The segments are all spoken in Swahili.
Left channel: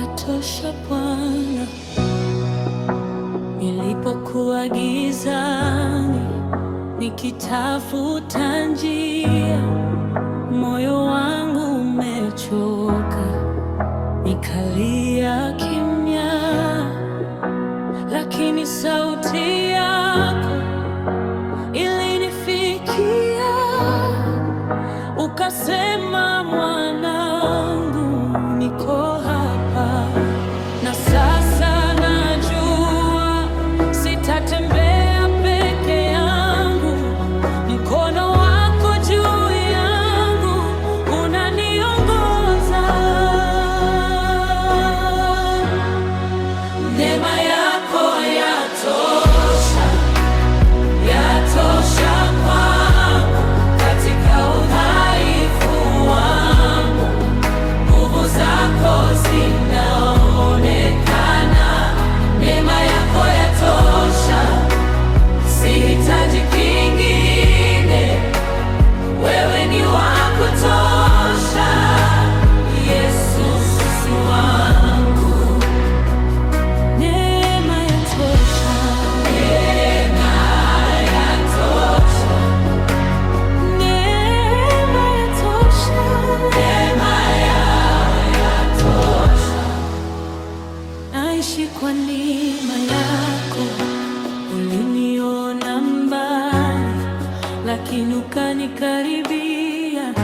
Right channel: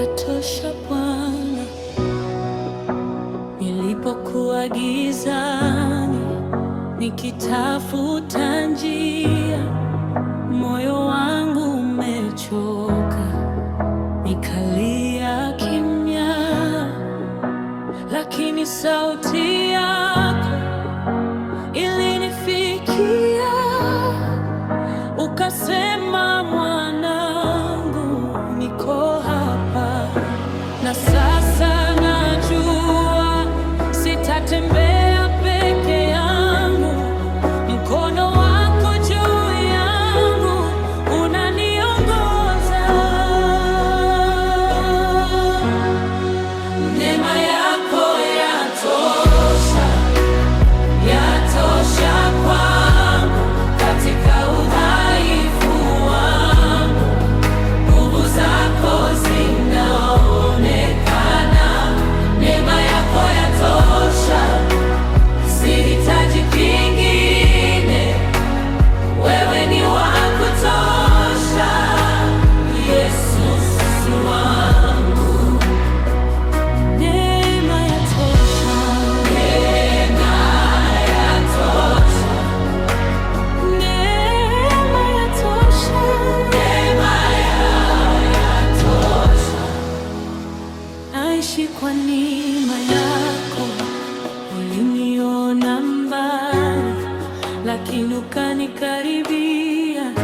yatosha Bwana. Nilipokuwa gizani nikitafuta njia, moyo wangu umechoka, nikalia kimya, lakini sauti yako ilinifikia, ukasema, mwanangu, niko hapa. Na sasa najua sitatembea peke yangu, mkono wako juu yangu unaniongoza. Neema yako yatosha, yatosha kwangu katika udhaifu wangu, nguvu zako zinaonekana. Neema yako yatosha, sihitaji kingine, wewe ni wa kutosha, Yesu wangu. Neema yatosha, neema yatosha, neema yatosha, neema yatosha. Naishi kwa neema yako, uliniona mbali lakini ukanikaribia,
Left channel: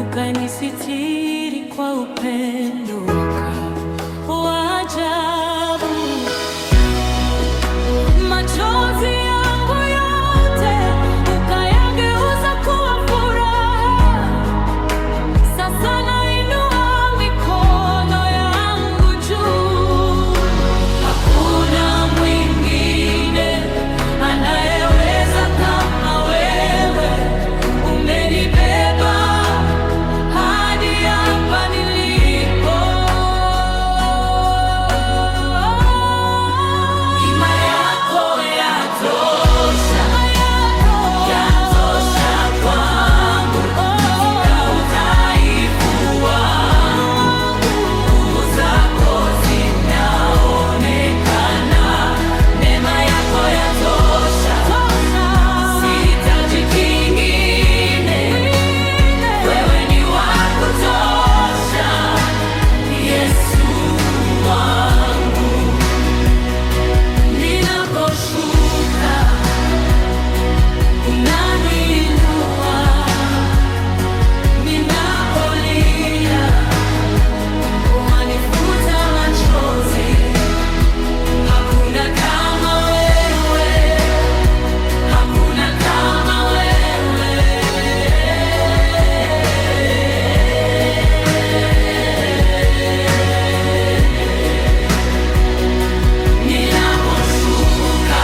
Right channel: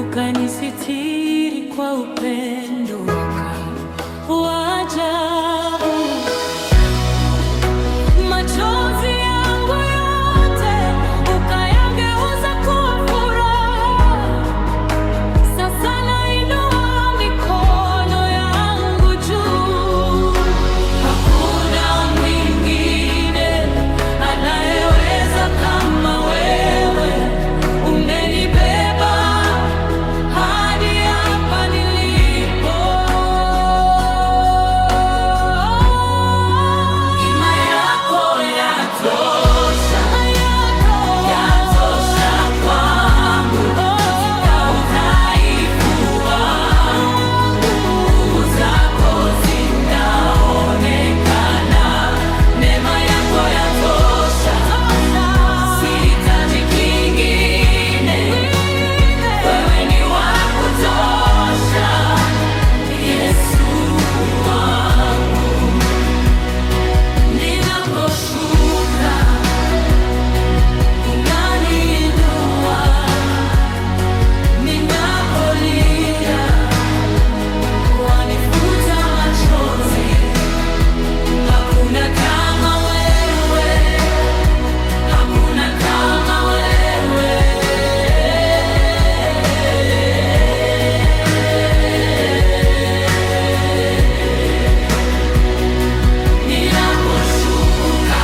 ukanisitiri kwa upendo wa ajabu. Machozi yangu yote ukayageuza kuwa furaha. Sasa nainua mikono yangu juu, hakuna mwingine anayeweza kama wewe. Umenibeba hadi hapa nilipo. Neema yako yatosha, yatosha kwangu katika udhaifu wangu, nguvu zako zinaonekana. Neema yako yatosha, sihitaji kingine, wewe ni wa kutosha, Yesu wangu. Ninaposhuka unaniinua, ninapolia wanifuta machozi. Hakuna kama wewe, hakuna kama wewe. Ninaposhuka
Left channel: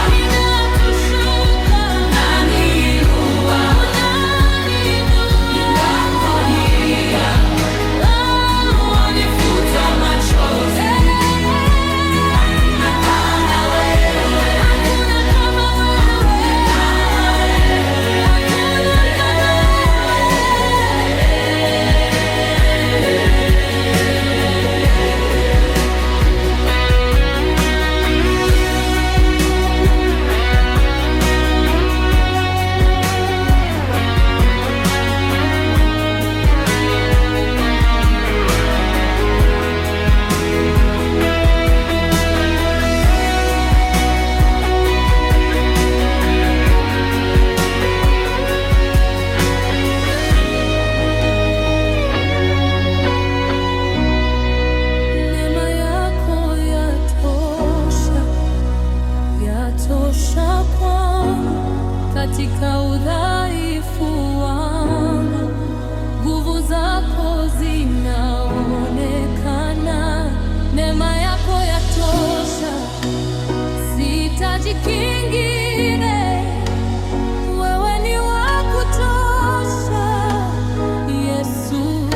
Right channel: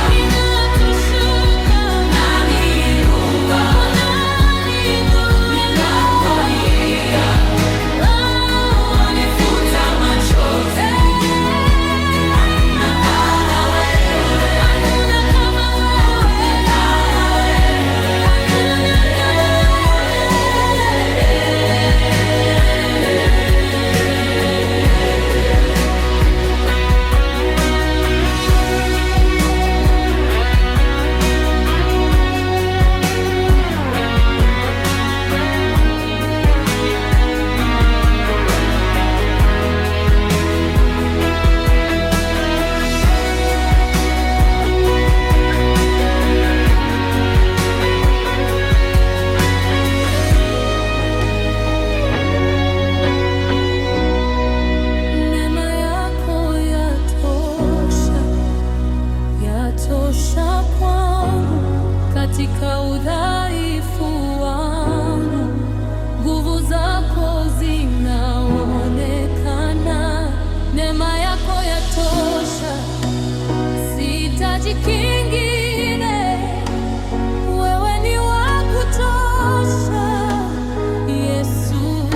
unaniinua, ninapolia wanifuta machozi. Hakuna kama wewe, hakuna kama neema yako yatosha, yatosha kwangu katika udhaifu wangu, nguvu zako zinaonekana. Neema yako yatosha, sihitaji kingine, wewe ni wa kutosha, Yesu.